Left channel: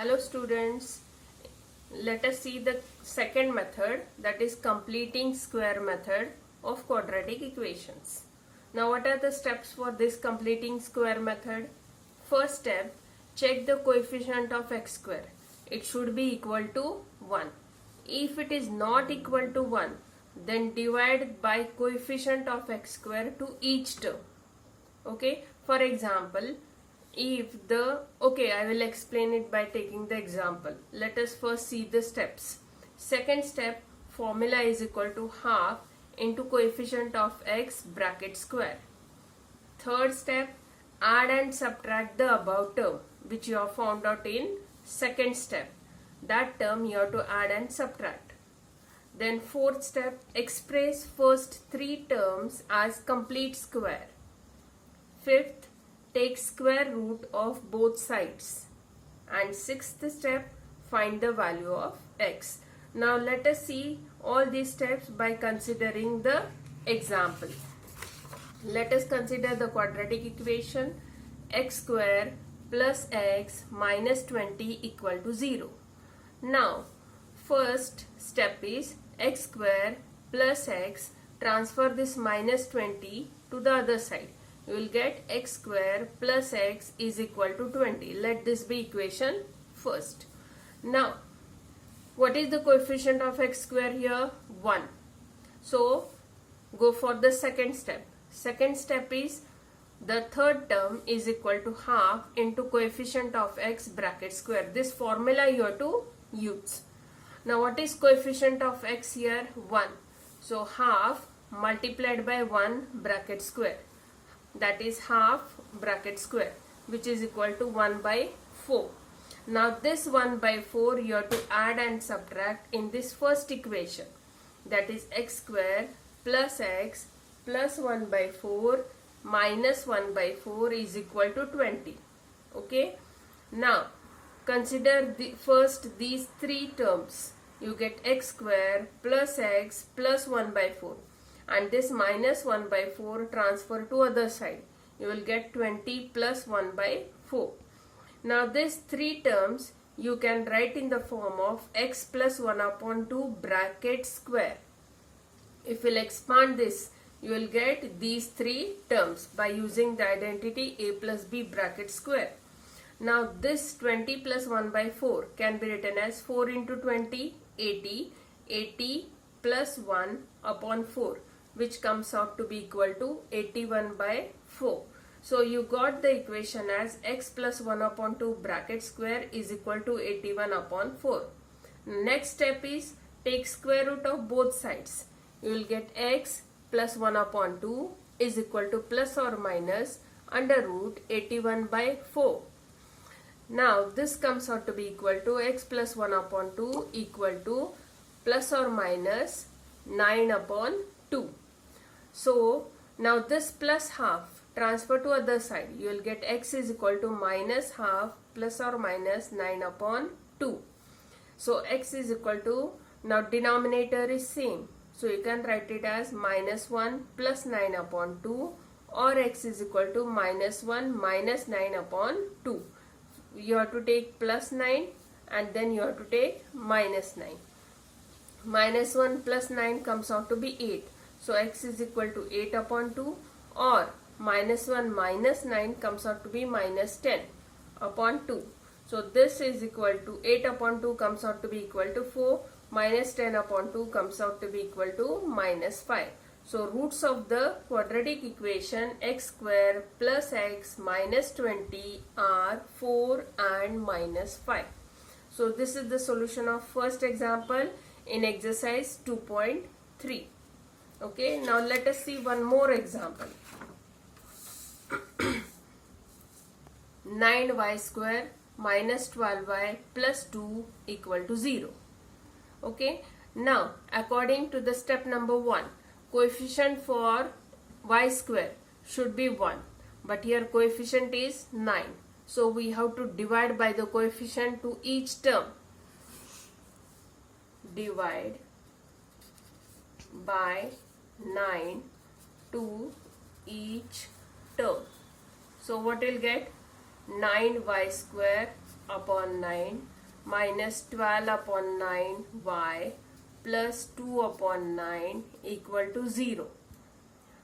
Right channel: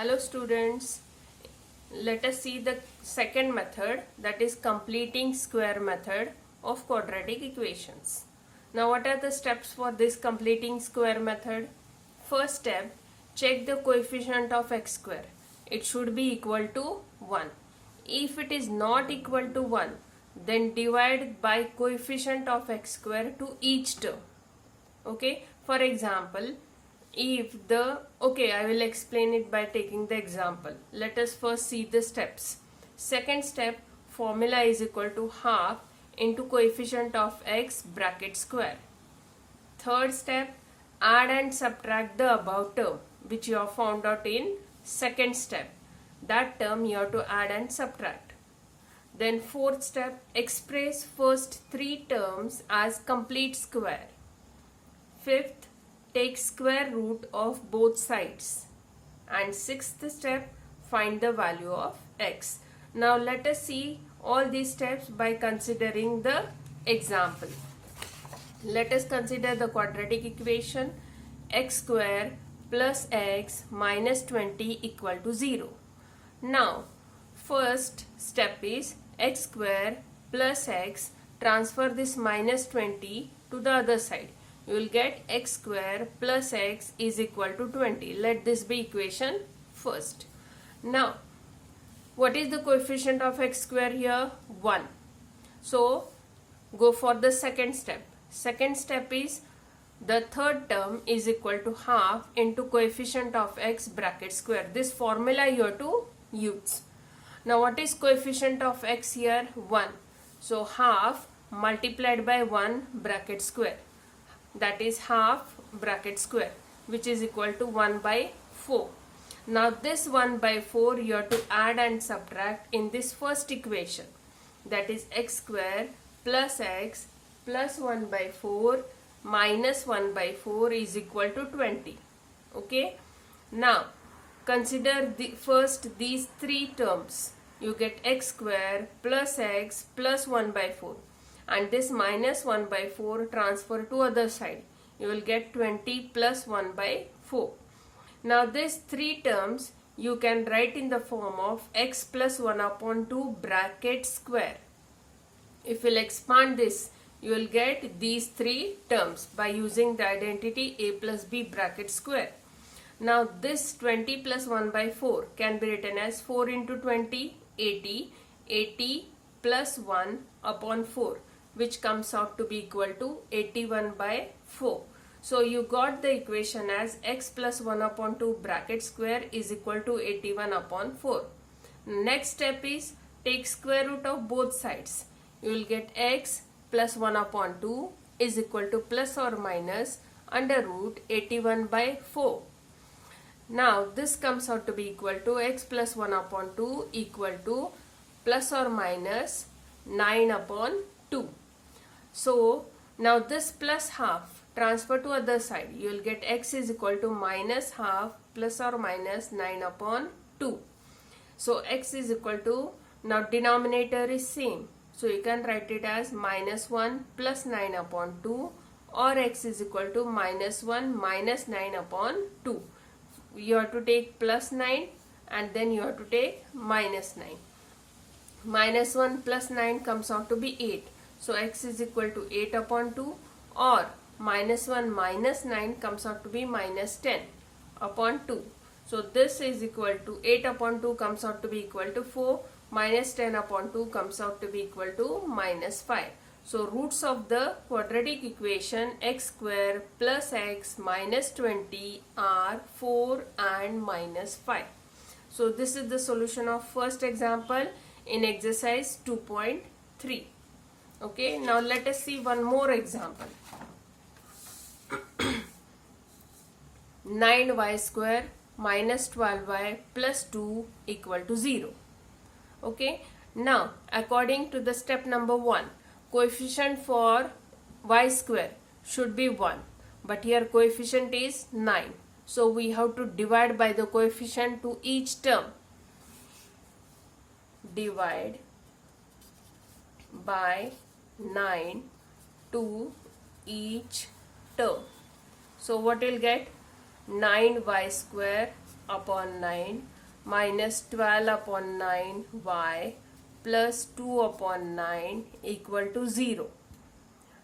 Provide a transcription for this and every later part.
Hello students, let us see the second method, that is completing square method of quadratic equations. Now what are the steps for this completing square method? First step, check the coefficient of x square. It should be equal to 1. If it is not equal to 1, then divide by coefficient of x square to each term. Okay, for example, I will explain it by taking the example. Let us first see the steps. Second step, formula is equal to half into coefficient of x bracket square. Third step, add and subtract the above term which you have found out in second step. That term you have to add and subtract. Then fourth step, express first three terms as complete square. Fifth, take square root of both sides. And sixth step, find the value of x. Now let us see all these steps by considering the example. Let us consider the quadratic equation x square plus x minus 20 equal to 0. Now first step is x square plus x, transfer this minus 20 to the other side. You will get x square plus x is equal to 20. Let this be equation first. Now, what is the coefficient of x square here? 1. So, go for the second step. Second step is the third term is equal to half into coefficient of x bracket square. This formula you have to use. Now, what is coefficient of x here? 1. So, half multiplied by 1 bracket square. That is half bracket square, which is equal to 1 by 4. Now this 1 by 4 you have to add and subtract in this first equation. That is x square plus x plus 1 by 4 minus 1 by 4 is equal to 20. Okay. Now consider first these three terms. You get x square plus x plus 1 by 4. And this minus 1 by 4 transfer to other side. You will get 20 plus 1 by 4. Now these three terms you can write in the form of x plus 1 upon 2 bracket square. If you will expand this, you will get these three terms by using the identity a plus b bracket square. Now this 20 plus 1 by 4 can be written as 4 into 20, 80, 80 plus 1 upon 4. Which comes out to be equal to 81 by 4. So you got the equation as x plus 1 upon 2 bracket square is equal to 81 upon 4. Next step is take square root of both sides. You will get x plus 1 upon 2 is equal to plus or minus under root 81 by 4. Now this comes out to be equal to x plus 1 upon 2 equal to plus or minus 9 upon 2. So now this plus half transfer to other side. You will get x is equal to minus half plus or minus 9 upon 2. So x is equal to, now denominator is same. So you can write it as minus 1 plus 9 upon 2, or x is equal to minus 1 minus 9 upon 2. You have to take plus 9 and then you have to take minus 9. Minus 1 plus 9 comes out to be 8. So x is equal to 8 upon 2, or minus 1 minus 9 comes out to be minus 10 upon 2. So this is equal to 8 upon 2 comes out to be equal to 4, minus 10 upon 2 comes out to be equal to minus 5. So roots of the quadratic equation x square plus x minus 20 are 4 and minus 5. So this is the solution of first example in exercise 2.3. Okay, now let us see one more example. 9y square minus 12y plus 2 equal to 0. Okay, now according to the step number 1, coefficient for y square should be 1. But here coefficient is 9. So we have to divide by the coefficient to each term. Divide by 9 to each term. So what will get? 9y square upon 9 minus 12 upon 9y plus 2 upon 9 equal to 0.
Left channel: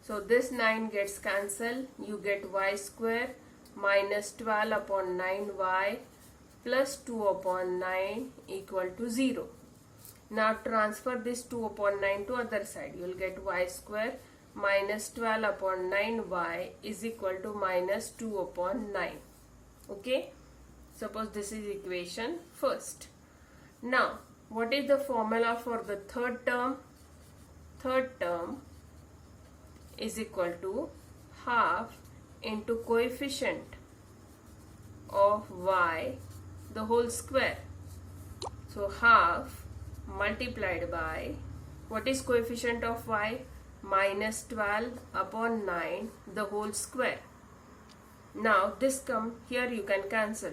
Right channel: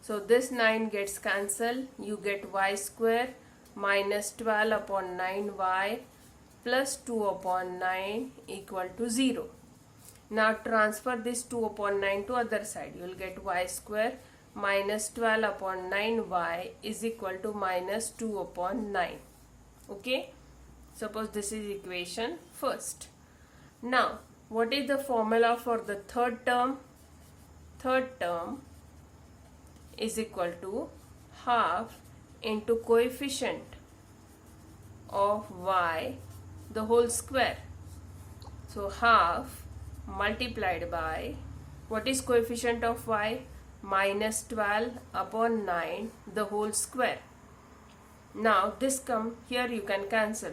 So this 9 gets cancelled. You get y square minus 12 upon 9y plus 2 upon 9 equal to 0. Now transfer this 2 upon 9 to other side. You will get y square minus 12 upon 9y is equal to minus 2 upon 9. Okay. Suppose this is equation first. Now, what is the formula for the third term? Third term is equal to half into coefficient of y the whole square. So half multiplied by, what is coefficient of y? Minus 12 upon 9 the whole square. Now this come here, you can cancel.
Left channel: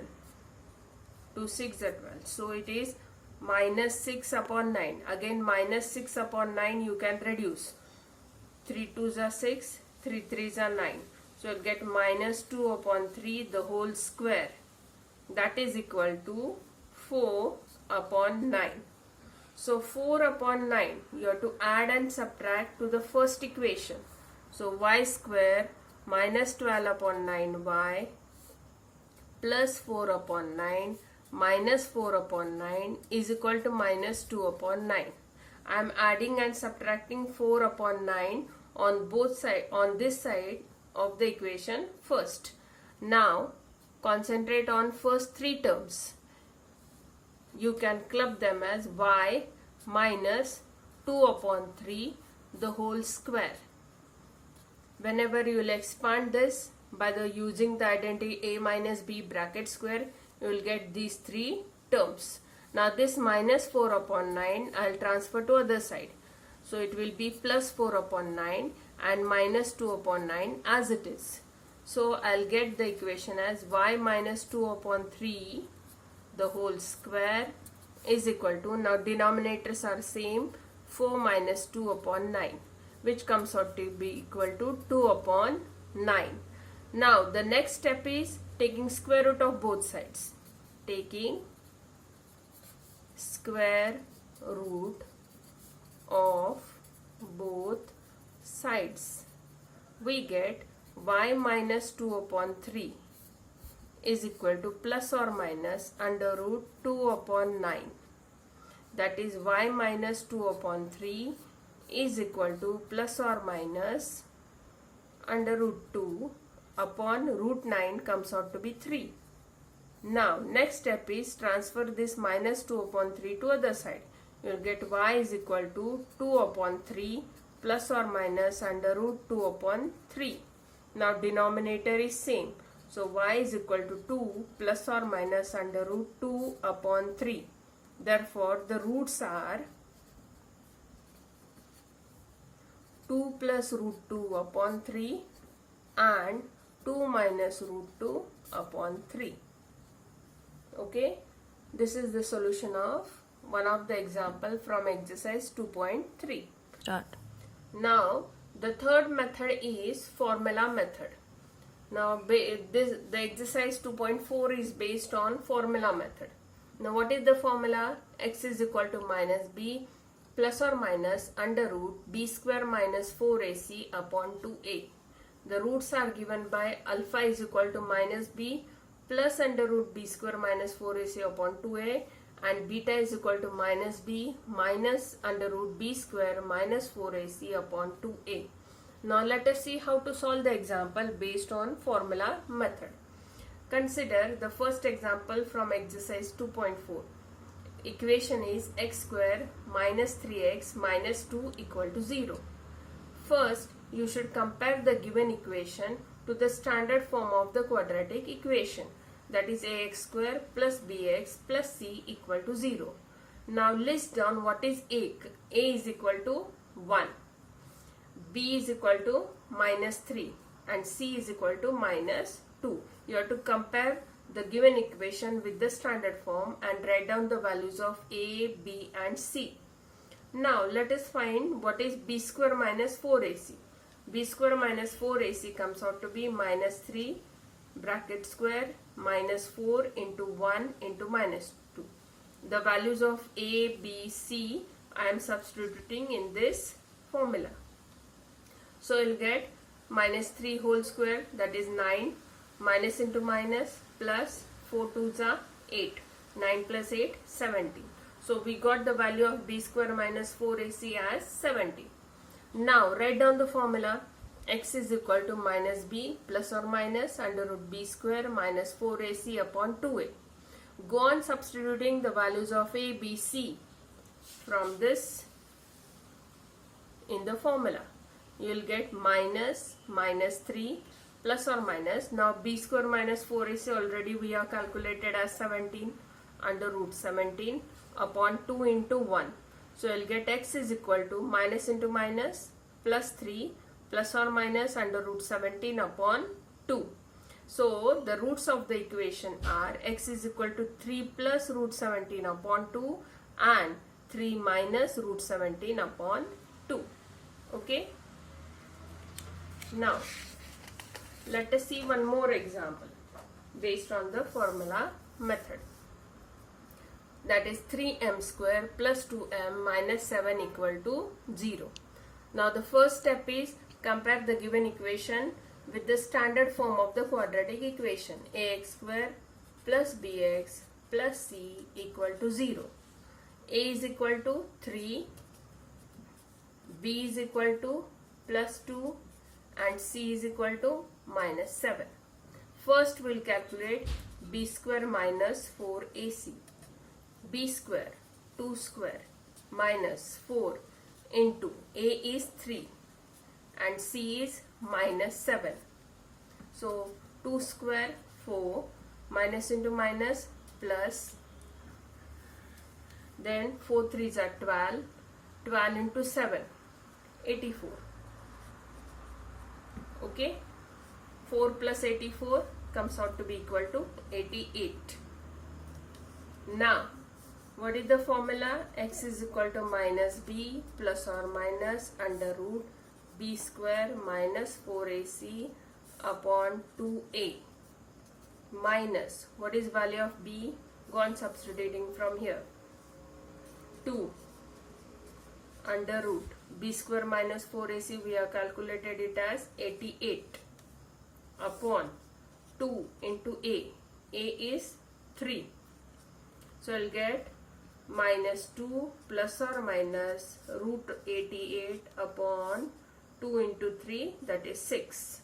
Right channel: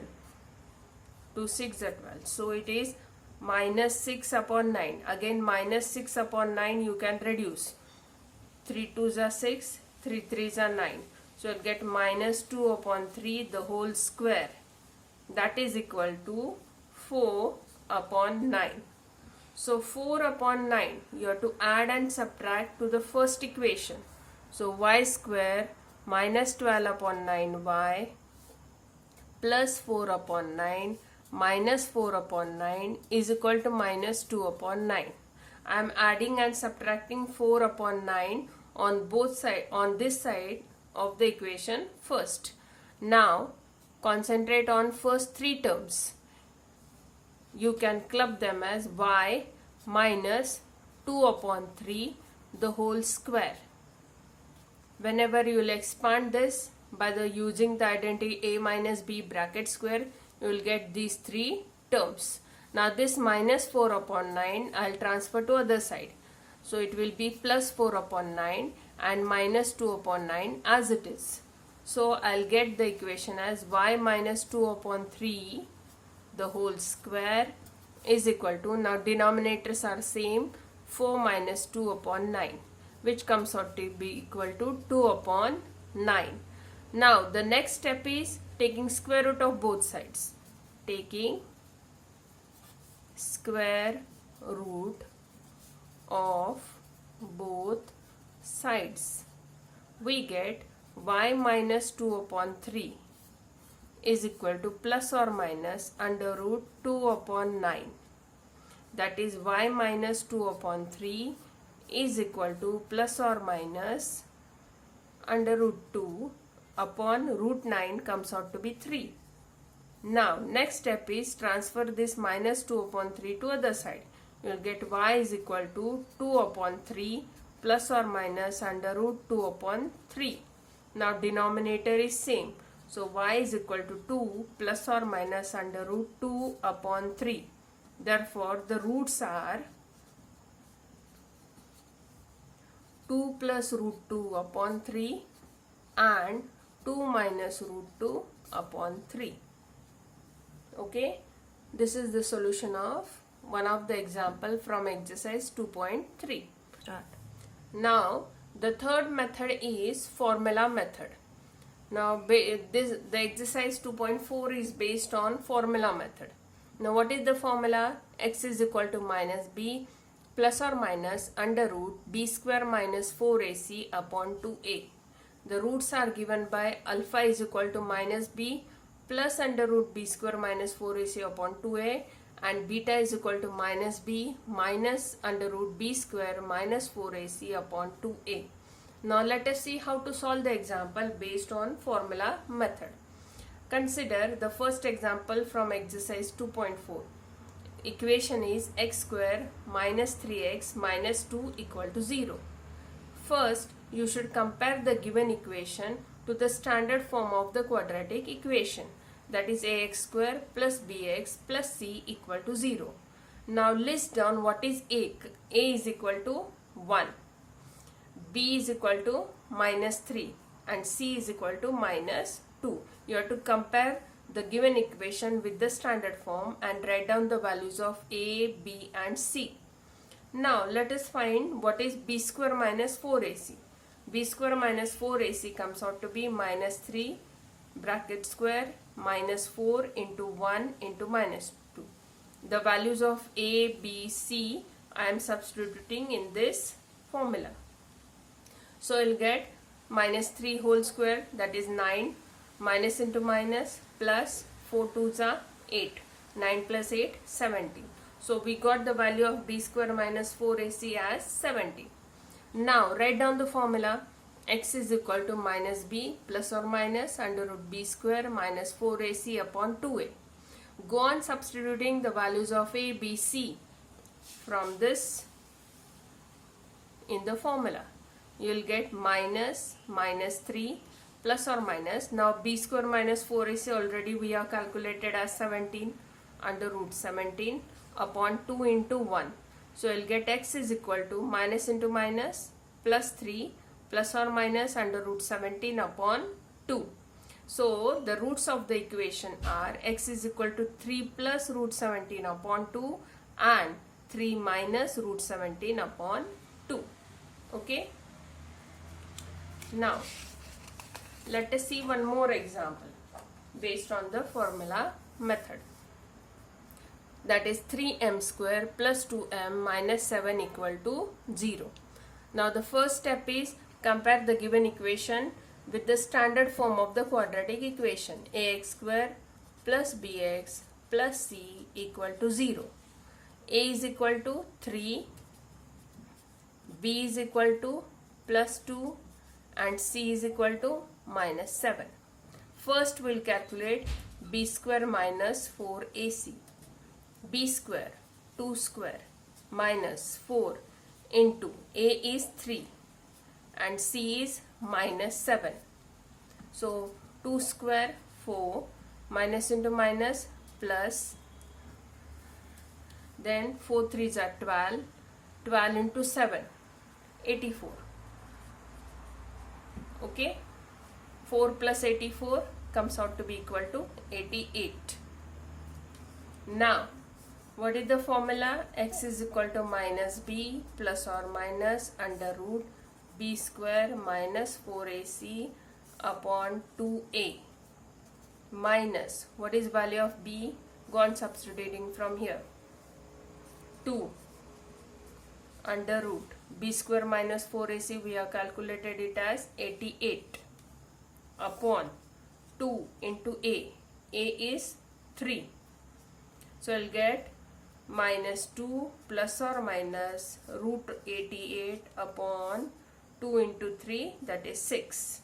2 6 are 12. So it is minus 6 upon 9. Again minus 6 upon 9 you can reduce. 3 2s are 6, 3 3s are 9. So you get minus 2 upon 3 the whole square. That is equal to 4 upon 9. So 4 upon 9 you have to add and subtract to the first equation. So y square minus 12 upon 9y plus 4 upon 9 minus 4 upon 9 is equal to minus 2 upon 9. I am adding and subtracting 4 upon 9 on both sides, on this side of the equation first. Now concentrate on first three terms. You can club them as y minus 2 upon 3 the whole square. Whenever you will expand this by the using the identity a minus b bracket square, you will get these three terms. Now this minus 4 upon 9 I will transfer to other side. So it will be plus 4 upon 9 and minus 2 upon 9 as it is. So I will get the equation as y minus 2 upon 3 the whole square is equal to, now denominators are same, 4 minus 2 upon 9, which comes out to be equal to 2 upon 9. Now the next step is taking square root of both sides. Taking square root of both sides, we get y minus 2 upon 3 is equal to plus or minus under root 2 upon 9. That is y minus 2 upon 3 is equal to plus or minus under root 2 upon root 9 comes out to be 3. Now next step is transfer this minus 2 upon 3 to other side. You will get y is equal to 2 upon 3 plus or minus under root 2 upon 3. Now denominator is same. So y is equal to 2 plus or minus under root 2 upon 3. Therefore the roots are 2 plus root 2 upon 3 and 2 minus root 2 upon 3. Okay, this is the solution of one of the example from exercise 2.3. Start. Now the third method is formula method. Now the exercise 2.4 is based on formula method. Now what is the formula? X is equal to minus b plus or minus under root b square minus 4ac upon 2a. The roots are given by alpha is equal to minus b plus under root b square minus 4ac upon 2a and beta is equal to minus b minus under root b square minus 4ac upon 2a. Now let us see how to solve the example based on formula method. Consider the first example from exercise 2.4. Equation is x square minus 3x minus 2 equal to 0. First, you should compare the given equation to the standard form of the quadratic equation, that is ax square plus bx plus c equal to 0. Now list down what is a. A is equal to 1, b is equal to minus 3 and c is equal to minus 2. You have to compare the given equation with the standard form and write down the values of a, b and c. Now let us find what is b square minus 4ac. B square minus 4ac comes out to be minus 3 bracket square minus 4 into 1 into minus 2. The values of a, b, c I am substituting in this formula. So I will get minus 3 whole square, that is 9, minus into minus, plus 4 2s are 8, 9 plus 8 70. So we got the value of b square minus 4ac as 70. Now write down the formula. X is equal to minus b plus or minus under root b square minus 4ac upon 2a. Go on substituting the values of a, b, c from this in the formula. You will get minus 3 plus or minus. Now b square minus 4ac already we have calculated as 17 under root 17 upon 2 into 1. So you will get x is equal to minus into minus plus 3 plus or minus under root 17 upon 2. So the roots of the equation are x is equal to 3 plus root 17 upon 2 and 3 minus root 17 upon 2. Okay. Now let us see one more example based on the formula method. That is 3m square plus 2m minus 7 equal to 0. Now the first step is compare the given equation with the standard form of the quadratic equation. Ax square plus bx plus c equal to 0. A is equal to 3, b is equal to plus 2 and c is equal to minus 7. First we will calculate b square minus 4ac. b square 2 square minus 4 into a is 3 and c is minus 7. So 2 square 4 minus into minus plus, then 4 3s are 12, 12 into 7 84. Okay, 4 plus 84 comes out to be equal to 88. Now what is the formula? X is equal to minus b plus or minus under root b square minus 4ac upon 2a minus, what is value of b? Go on substituting from here. 2 under root b square minus 4ac we have calculated it as 88 upon 2 into a is 3. So I'll get minus 2 plus or minus root 88 upon 2 into 3, that is 6.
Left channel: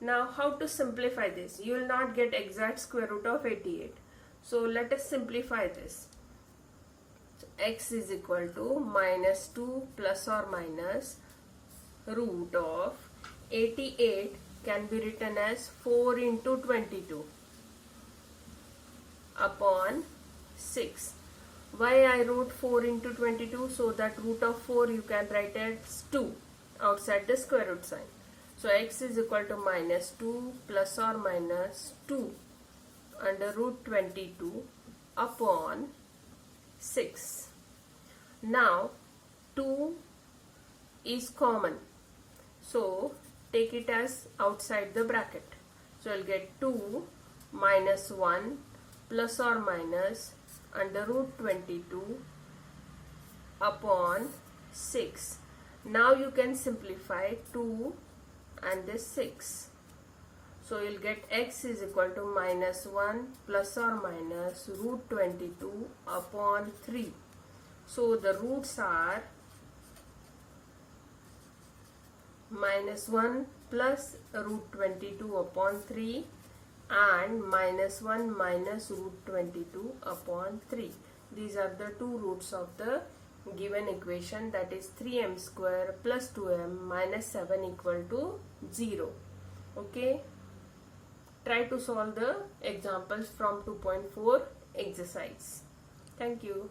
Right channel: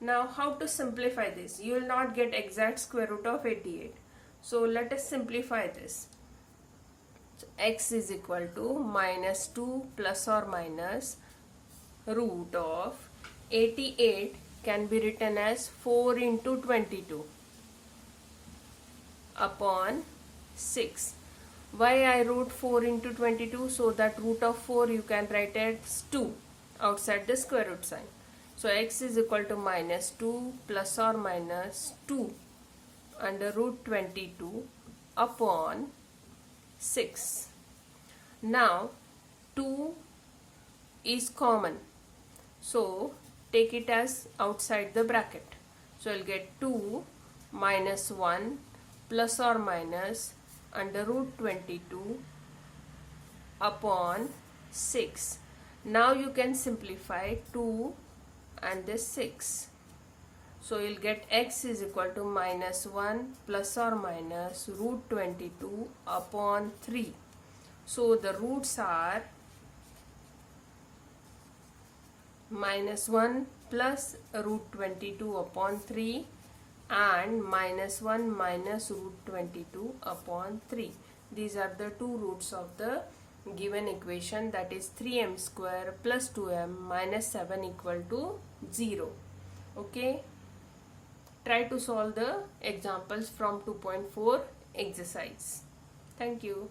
Now how to simplify this? You will not get exact square root of 88. So let us simplify this. So x is equal to minus 2 plus or minus root of 88 can be written as 4 into 22 upon 6. Why I wrote 4 into 22? So that root of 4 you can write as 2 outside the square root sign. So x is equal to minus 2 plus or minus 2 under root 22 upon 6. Now 2 is common, so take it as outside the bracket. So you'll get 2 minus 1 plus or minus under root 22 upon 6. Now you can simplify 2 and this 6. So you'll get x is equal to minus 1 plus or minus root 22 upon 3. So the roots are minus 1 plus root 22 upon 3 and minus 1 minus root 22 upon 3. These are the two roots of the given equation, that is 3m square plus 2m minus 7 equal to 0. Okay. Try to solve the examples from 2.4 exercise. Thank you.